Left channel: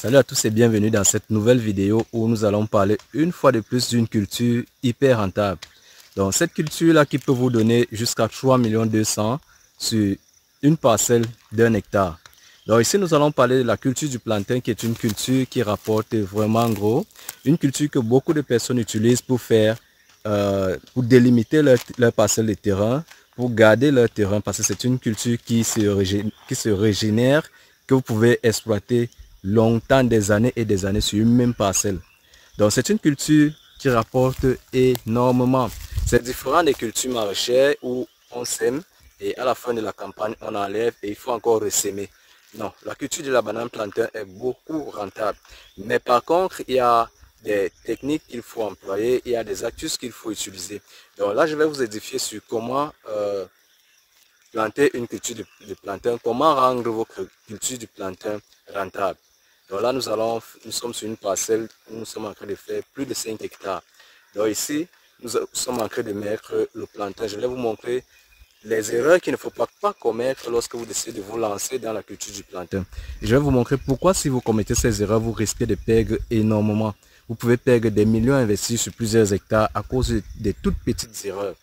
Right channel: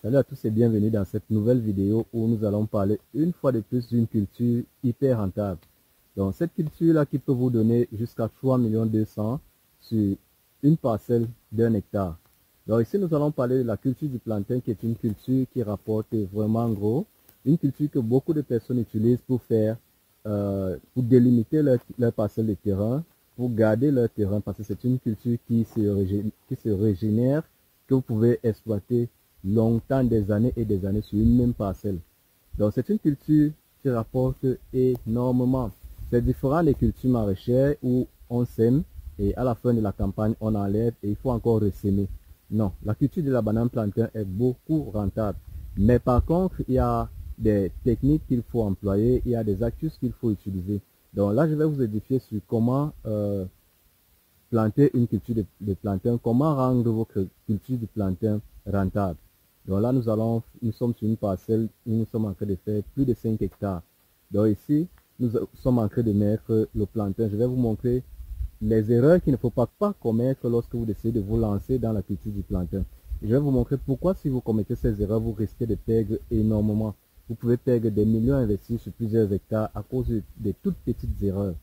Salut à tous et bienvenue dans cette nouvelle vidéo où nous allons parler une fois de plus d'une culture hyper rentable. Donc cette culture-là qui peut vous donner jusqu'à 3 200 000 sur une parcelle d'1 hectare. Donc ici nous allons parler de la culture du plantain qui est une culture qui rapporte vraiment gros. Une culture que beaucoup de personnes utilisent pour faire, pour délimiter leur parcelle de terrain, pour garder leur terrain parce que c'est une culture qui se régénère, que vous pouvez exploiter longtemps, des années et des années sur une même parcelle. Donc c'est une culture qui rapporte énormément. C'est différent des cultures maraîchères où on sème et à la fin de la campagne on enlève et il faut encore ressemer. Non, la culture de la banane plantain est beaucoup rentable. Mais par contre, il y a des techniques qu'il faut employer, il y a des astuces qu'il faut utiliser. Donc là, je vais vous édifier sur comment planter une culture de plantain, comment rendre votre culture du plantain rentable. Donc là, nous sommes sur une parcelle où nous sommes en train de faire plus de 5 hectares. Donc ici, nous sommes en train de mettre le plantain. Je vais vous montrer les erreurs qu'il ne faut pas commettre lorsque vous décidez de vous lancer dans la culture du plantain. Et je vais vous montrer pourquoi si vous commettez ces erreurs, vous risquez de perdre énormément. Vous pouvez perdre des millions investis sur plusieurs hectares à cause de toutes petites erreurs.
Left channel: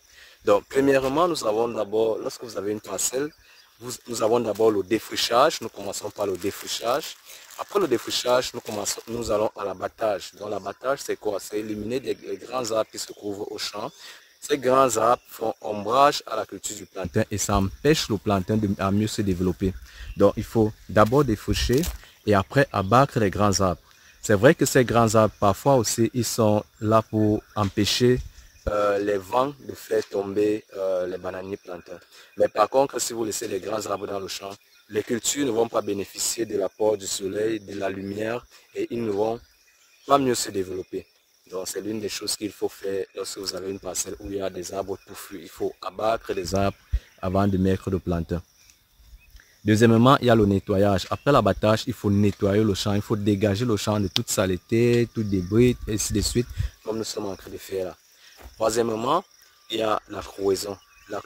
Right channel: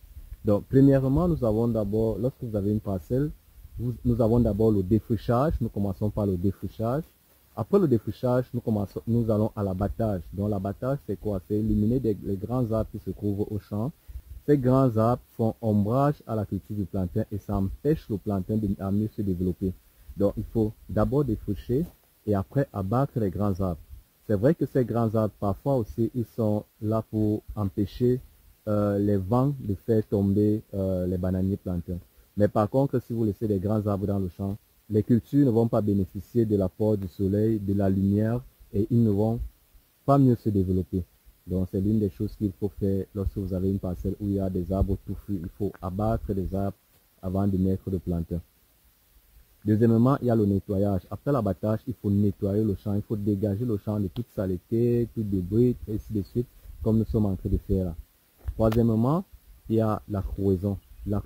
Donc, premièrement, nous avons d'abord, lorsque vous avez une parcelle, nous avons d'abord le défrichage. Nous commençons par le défrichage. Après le défrichage, nous allons à l'abattage. Donc, l'abattage, c'est quoi? C'est éliminer les grands arbres qui se trouvent au champ. Ces grands arbres font ombrage à la culture du plantain et ça empêche le plantain à mieux se développer. Donc, il faut d'abord défricher et après abattre les grands arbres. C'est vrai que ces grands arbres, parfois aussi, ils sont là pour empêcher les vents de faire tomber les bananiers plantains. Mais par contre, si vous laissez les grands arbres dans le champ, les cultures ne vont pas bénéficier de l'apport du soleil, de la lumière et ils ne vont pas mieux se développer. Donc c'est l'une des choses qu'il faut faire lorsque vous avez une parcelle où il y a des arbres touffus. Il faut abattre les arbres avant de mettre le plantain. Deuxièmement, il y a le nettoyage. Après l'abattage, il faut nettoyer le champ. Il faut dégager le champ de toute saleté, tout débris, et ainsi de suite, comme nous sommes en train de faire là. Troisièmement, il y a la cloison. La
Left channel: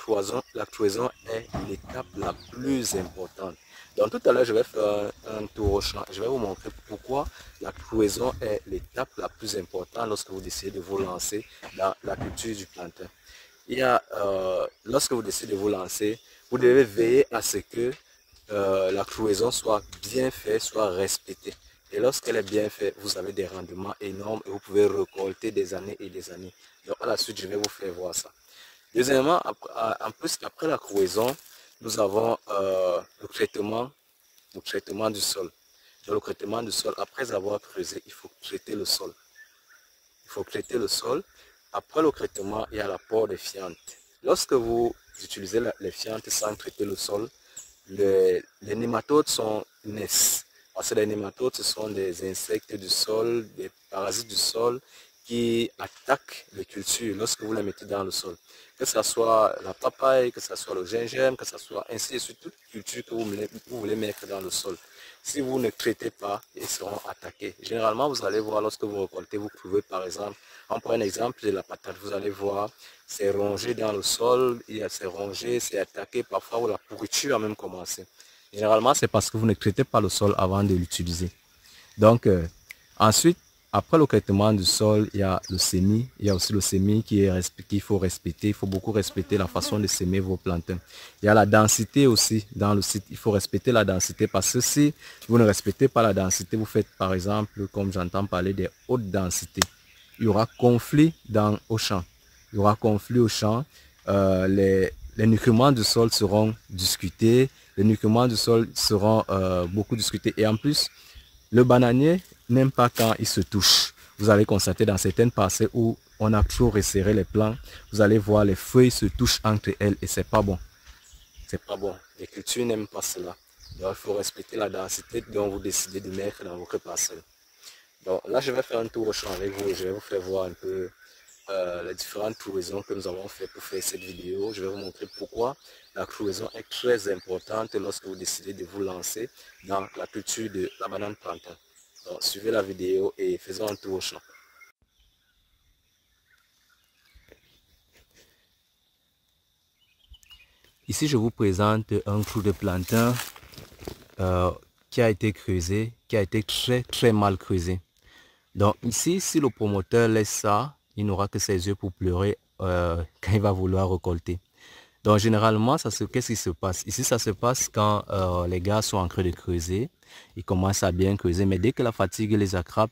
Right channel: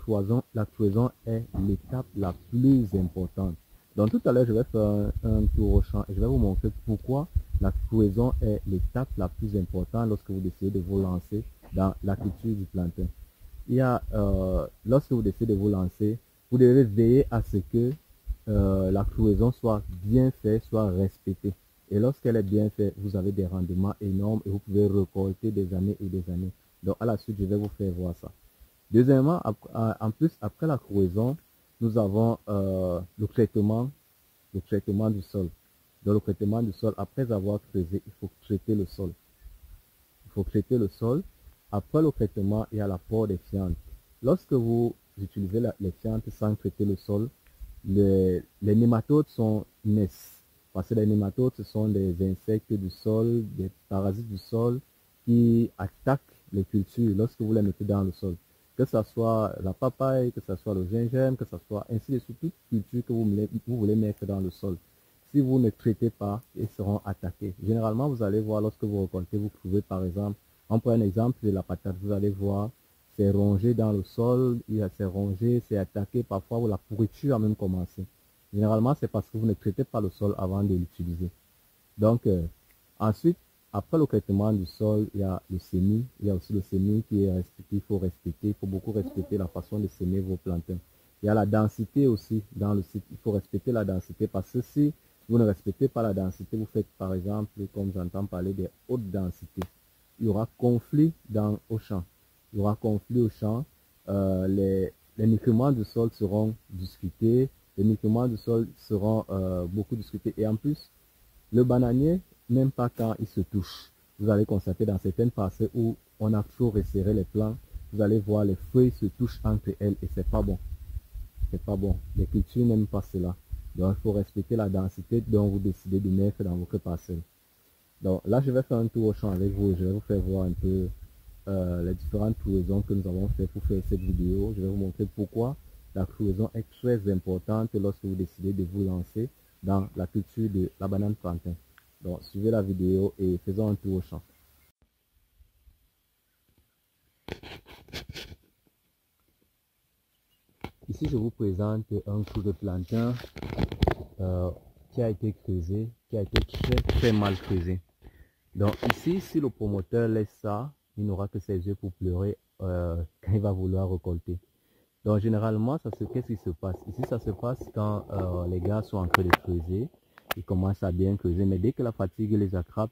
cloison est l'étape la plus importante. Donc tout à l'heure, je vais faire un tour au champ. Je vais vous montrer pourquoi la cloison est l'étape la plus importante lorsque vous décidez de vous lancer dans la culture du plantain. Lorsque vous décidez de vous lancer, vous devez veiller à ce que la cloison soit bien faite, soit respectée. Et lorsqu'elle est bien faite, vous avez des rendements énormes et vous pouvez récolter des années et des années. Donc à la suite, je vais vous faire voir ça. Deuxièmement, en plus, après la cloison, nous avons le traitement du sol. Donc le traitement du sol, après avoir creusé, il faut traiter le sol. Il faut traiter le sol. Après le traitement, il y a l'apport des fientes. Lorsque vous utilisez les fientes sans traiter le sol, les nématodes naissent. Parce que les nématodes, ce sont des insectes du sol, des parasites du sol qui attaquent les cultures lorsque vous les mettez dans le sol. Que ce soit la papaye, que ce soit le gingembre, que ce soit ainsi de suite, toute culture que vous voulez mettre dans le sol. Si vous ne traitez pas, ils seront attaqués. Généralement, vous allez voir lorsque vous récoltez, vous trouvez par exemple, on prend un exemple de la patate, vous allez voir, c'est rongé dans le sol, c'est rongé, c'est attaqué, parfois où la pourriture a même commencé. Généralement, c'est parce que vous ne traitez pas le sol avant de l'utiliser. Donc, ensuite, après le traitement du sol, il y a le semis. Il y a aussi le semis qu'il faut respecter. Il faut beaucoup respecter la façon de semer vos plantains. Il y a la densité aussi dans le site. Il faut respecter la densité parce que si vous ne respectez pas la densité, vous faites par exemple, comme j'entends parler des hautes densités, il y aura conflit au champ. Il y aura conflit au champ. Les nutriments du sol seront discutés. Les nutriments du sol seront beaucoup discutés. Et en plus, le bananier n'aime pas quand il se touche. Vous allez constater dans certaines parcelles où on a trop resserré les plants, vous allez voir les feuilles se touchent entre elles et c'est pas bon. C'est pas bon. Les cultures n'aiment pas cela. Donc il faut respecter la densité dont vous décidez de mettre dans votre parcelle. Donc là, je vais faire un tour au champ avec vous et je vais vous faire voir un peu les différentes cloisons que nous avons fait pour faire cette vidéo. Je vais vous montrer pourquoi la cloison est très importante lorsque vous décidez de vous lancer dans la culture de la banane plantain. Donc suivez la vidéo et faisons un tour au champ. Ici, je vous présente un clou de plantain qui a été creusé, qui a été très mal creusé. Donc ici, si le promoteur laisse ça, il n'aura que ses yeux pour pleurer quand il va vouloir récolter. Donc généralement, qu'est-ce qui se passe? Ici, ça se passe quand les gars sont en train de creuser. Ils commencent à bien creuser, mais dès que la fatigue les attrape,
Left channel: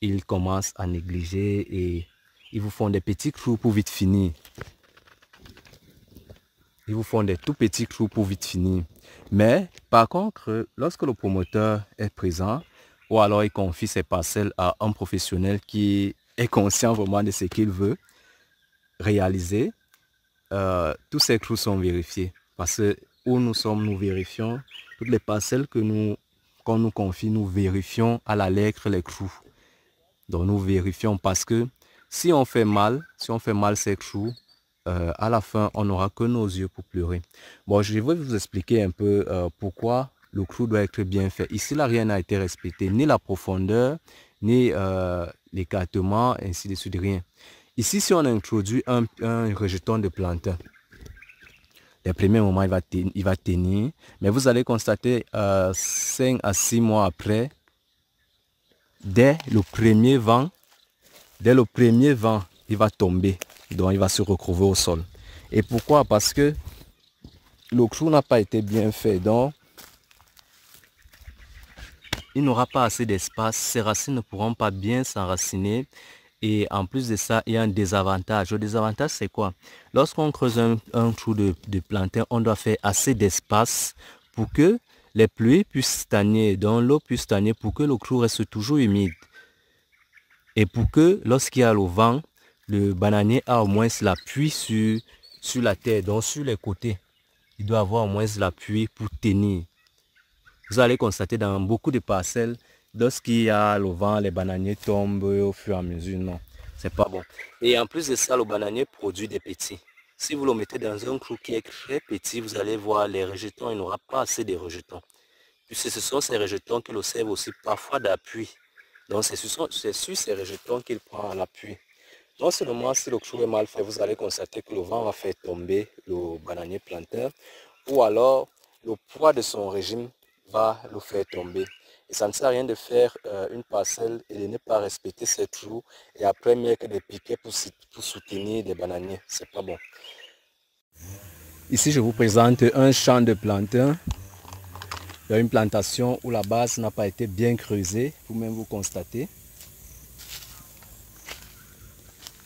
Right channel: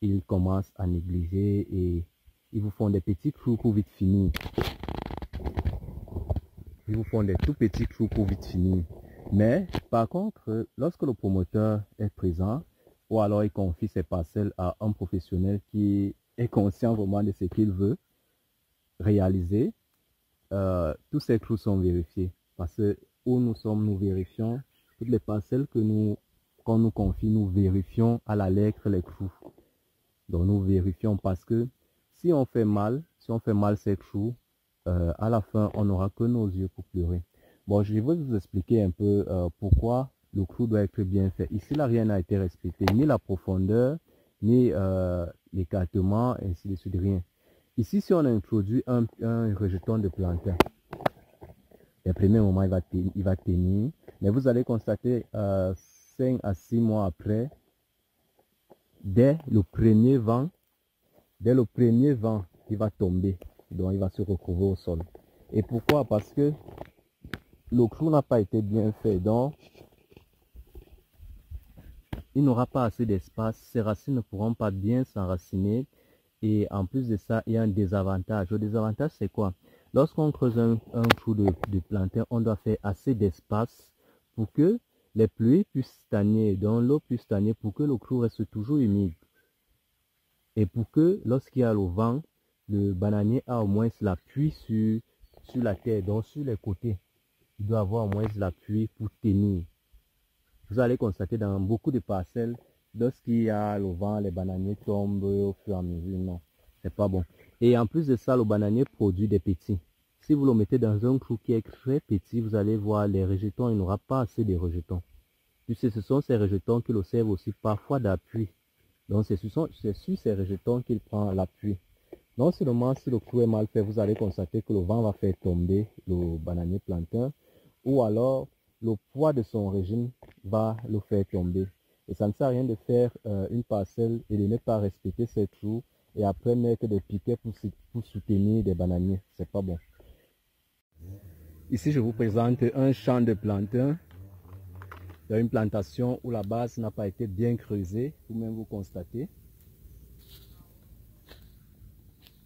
ils commencent à négliger et ils vous font des petits trous pour vite finir. Ils vous font des tout petits trous pour vite finir. Mais par contre, lorsque le promoteur est présent, ou alors il confie ses parcelles à un professionnel qui est conscient vraiment de ce qu'il veut réaliser, tous ces trous sont vérifiés. Parce que où nous sommes, nous vérifions toutes les parcelles qu'on nous confie, nous vérifions à la lettre les trous. Donc nous vérifions parce que si on fait mal ces trous, à la fin, on n'aura que nos yeux pour pleurer. Bon, je vais vous expliquer un peu pourquoi le clou doit être bien fait. Ici, là, rien n'a été respecté, ni la profondeur, ni l'écartement, ainsi de suite, rien. Ici, si on introduit un rejeton de plantain, les premiers moments, il va tenir, mais vous allez constater 5 à 6 mois après, dès le premier vent, il va tomber. Donc, il va se retrouver au sol. Et pourquoi? Parce que le clou n'a pas été bien fait. Donc, il n'aura pas assez d'espace. Ses racines ne pourront pas bien s'enraciner. Et en plus de ça, il y a un désavantage. Le désavantage, c'est quoi? Lorsqu'on creuse un trou de plantain, on doit faire assez d'espace pour que les pluies puissent stagner, donc l'eau puisse stagner pour que le clou reste toujours humide. Et pour que lorsqu'il y a le vent, le bananier a au moins l'appui sur la terre, donc sur les côtés. Il doit avoir au moins l'appui pour tenir. Vous allez constater dans beaucoup de parcelles, lorsqu'il y a le vent, les bananiers tombent au fur et à mesure. Non, c'est pas bon. Et en plus de ça, le bananier produit des petits. Si vous le mettez dans un clou qui est très petit, vous allez voir les rejetons, il n'aura pas assez de rejetons. Puisque ce sont ces rejetons qui le servent aussi parfois d'appui. Donc c'est sur ces rejetons qu'il prend l'appui. Non seulement si le clou est mal fait, vous allez constater que le vent va faire tomber le bananier plantain, ou alors le poids de son régime va le faire tomber. Et ça ne sert à rien de faire une parcelle et de ne pas respecter ces trous et après mettre des piquets pour soutenir des bananiers. C'est pas bon. Ici, je vous présente un champ de plantain. Il y a une plantation où la base n'a pas été bien creusée, vous-même vous constatez.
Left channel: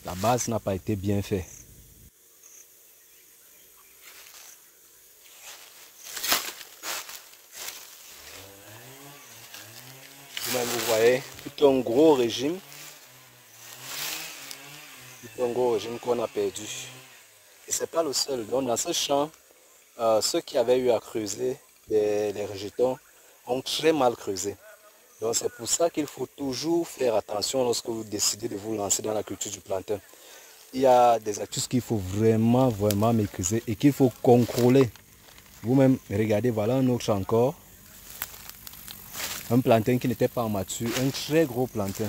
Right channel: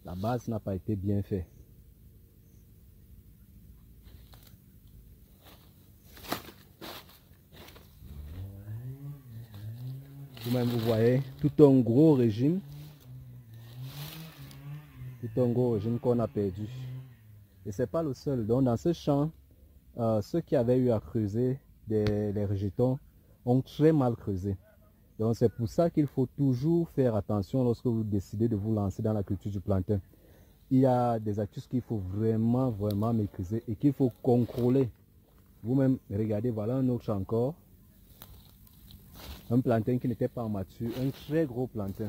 La base n'a pas été bien faite. Vous-même vous voyez tout un gros régime. Tout un gros régime qu'on a perdu. Et ce n'est pas le seul. Donc dans ce champ, ceux qui avaient eu à creuser les rejetons ont très mal creusé. Donc c'est pour ça qu'il faut toujours faire attention lorsque vous décidez de vous lancer dans la culture du plantain. Il y a des astuces qu'il faut vraiment maîtriser et qu'il faut contrôler. Vous-même, regardez, voilà un autre encore. Un plantain qui n'était pas mature, un très gros plantain.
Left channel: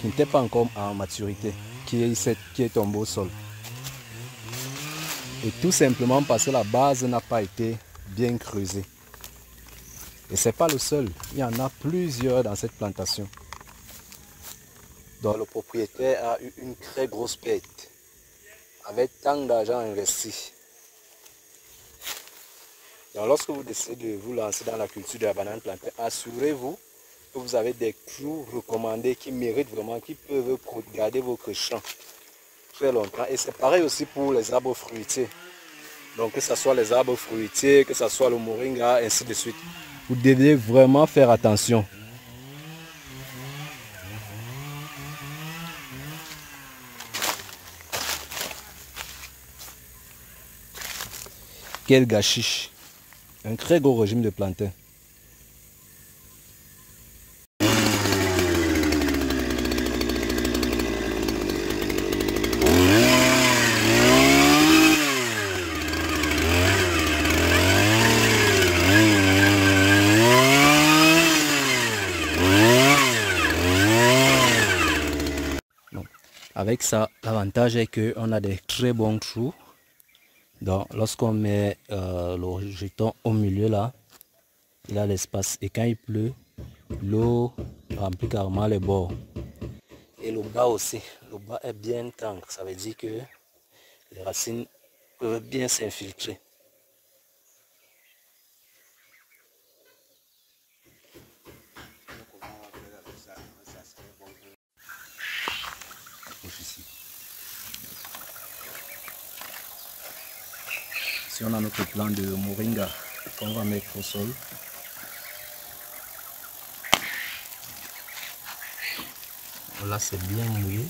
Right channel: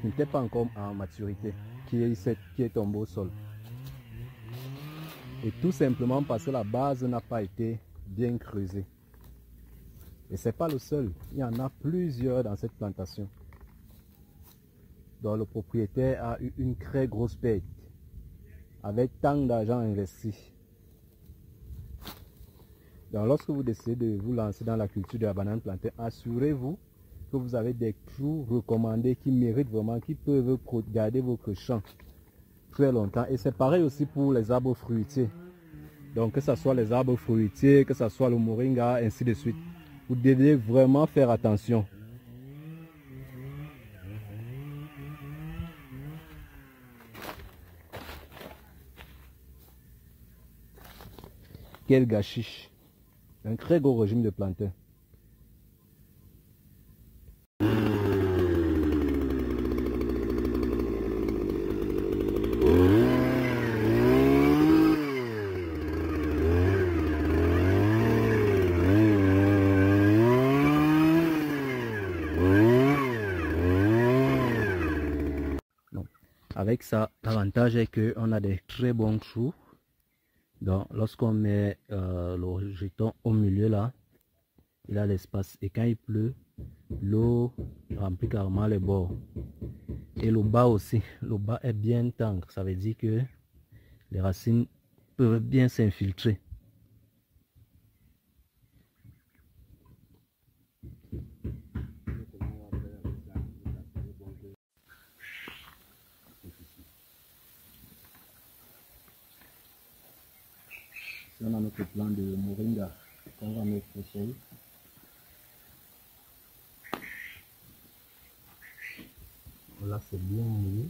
Qui n'était pas encore en maturité, qui est tombé au sol. Et tout simplement parce que la base n'a pas été bien creusée. Et ce n'est pas le seul, il y en a plusieurs dans cette plantation. Donc le propriétaire a eu une très grosse perte, avec tant d'argent investi. Donc lorsque vous décidez de vous lancer dans la culture de la banane plantain, assurez-vous que vous avez des clous recommandés qui méritent vraiment, qui peuvent garder votre champ très longtemps. Et c'est pareil aussi pour les arbres fruitiers. Donc que ce soit les arbres fruitiers, que ce soit le moringa, ainsi de suite. Vous devez vraiment faire attention. Quel gâchis. Un très gros régime de plantain. Avec ça, l'avantage est qu'on a des très bons trous. Donc, lorsqu'on met le jeton au milieu là, il a l'espace. Et quand il pleut, l'eau remplit carrément les bords. Et le bas aussi, le bas est bien tendre. Ça veut dire que les racines peuvent bien s'infiltrer. Si on a notre plant de moringa qu'on va mettre au sol. Là, c'est bien mouillé.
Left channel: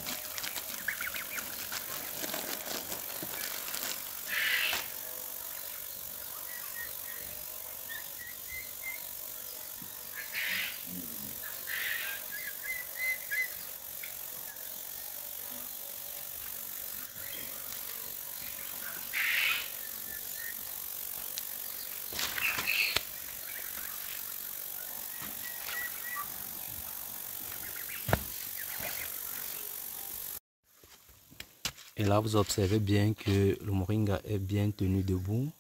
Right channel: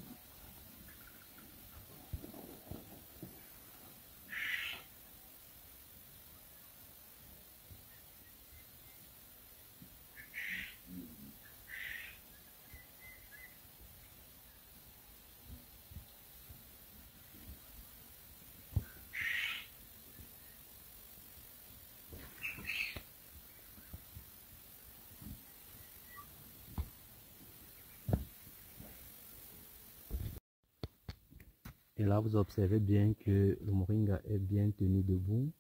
Et là, vous observez bien que le moringa est bien tenu debout.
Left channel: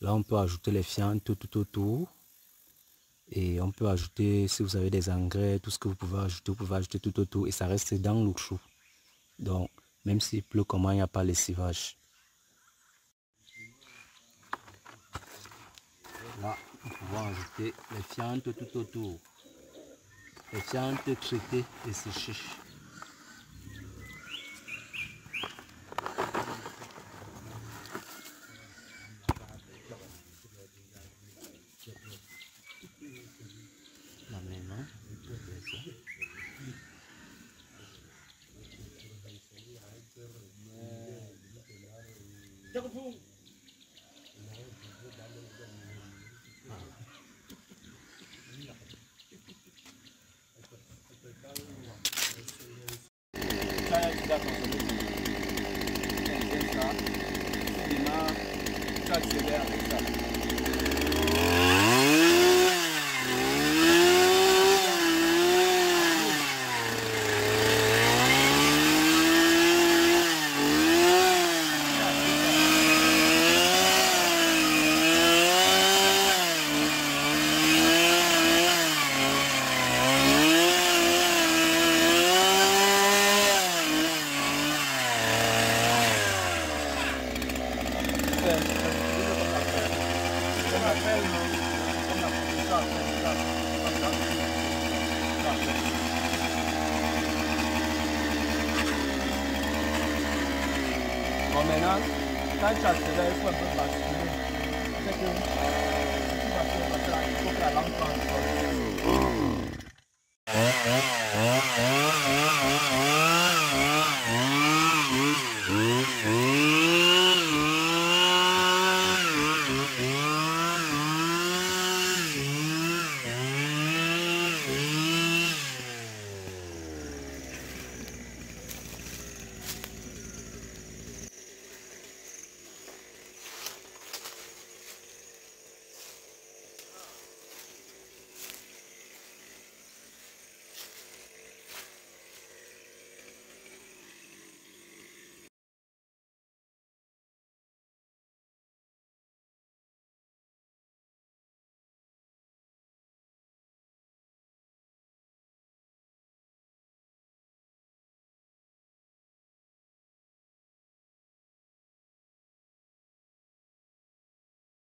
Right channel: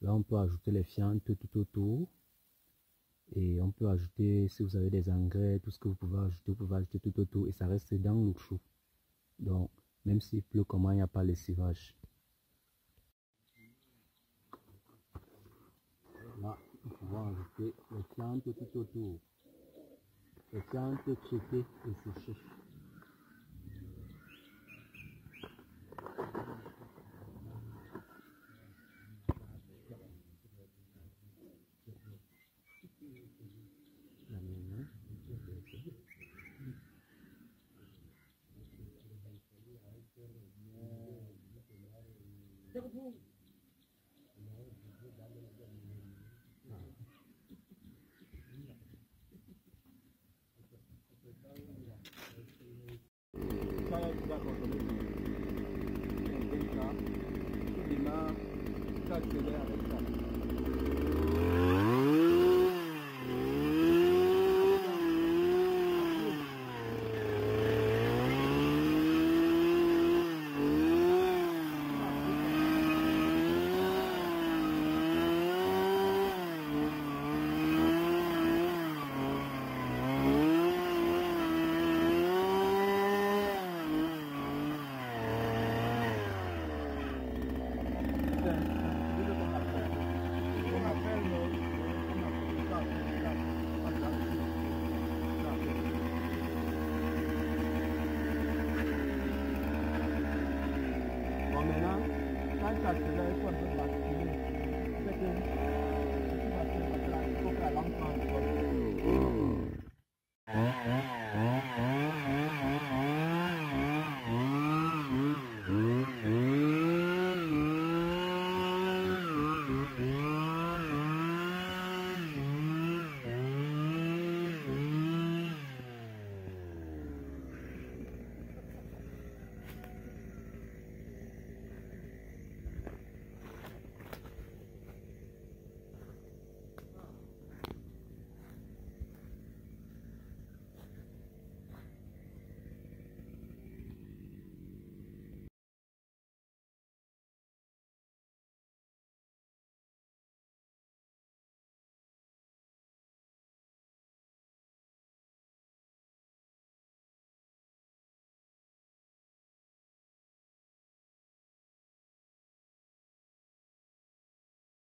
Là, on peut ajouter les fientes tout autour. Et on peut ajouter, si vous avez des engrais, tout ce que vous pouvez ajouter tout autour. Et ça reste dans le chou. Donc, même s'il pleut comment, il n'y a pas lessivage. Là, nous pouvons ajouter les fientes tout autour. Les fientes traitées et séchées. Là maintenant, maintenant, quand tu accélères, il faut un peu passer.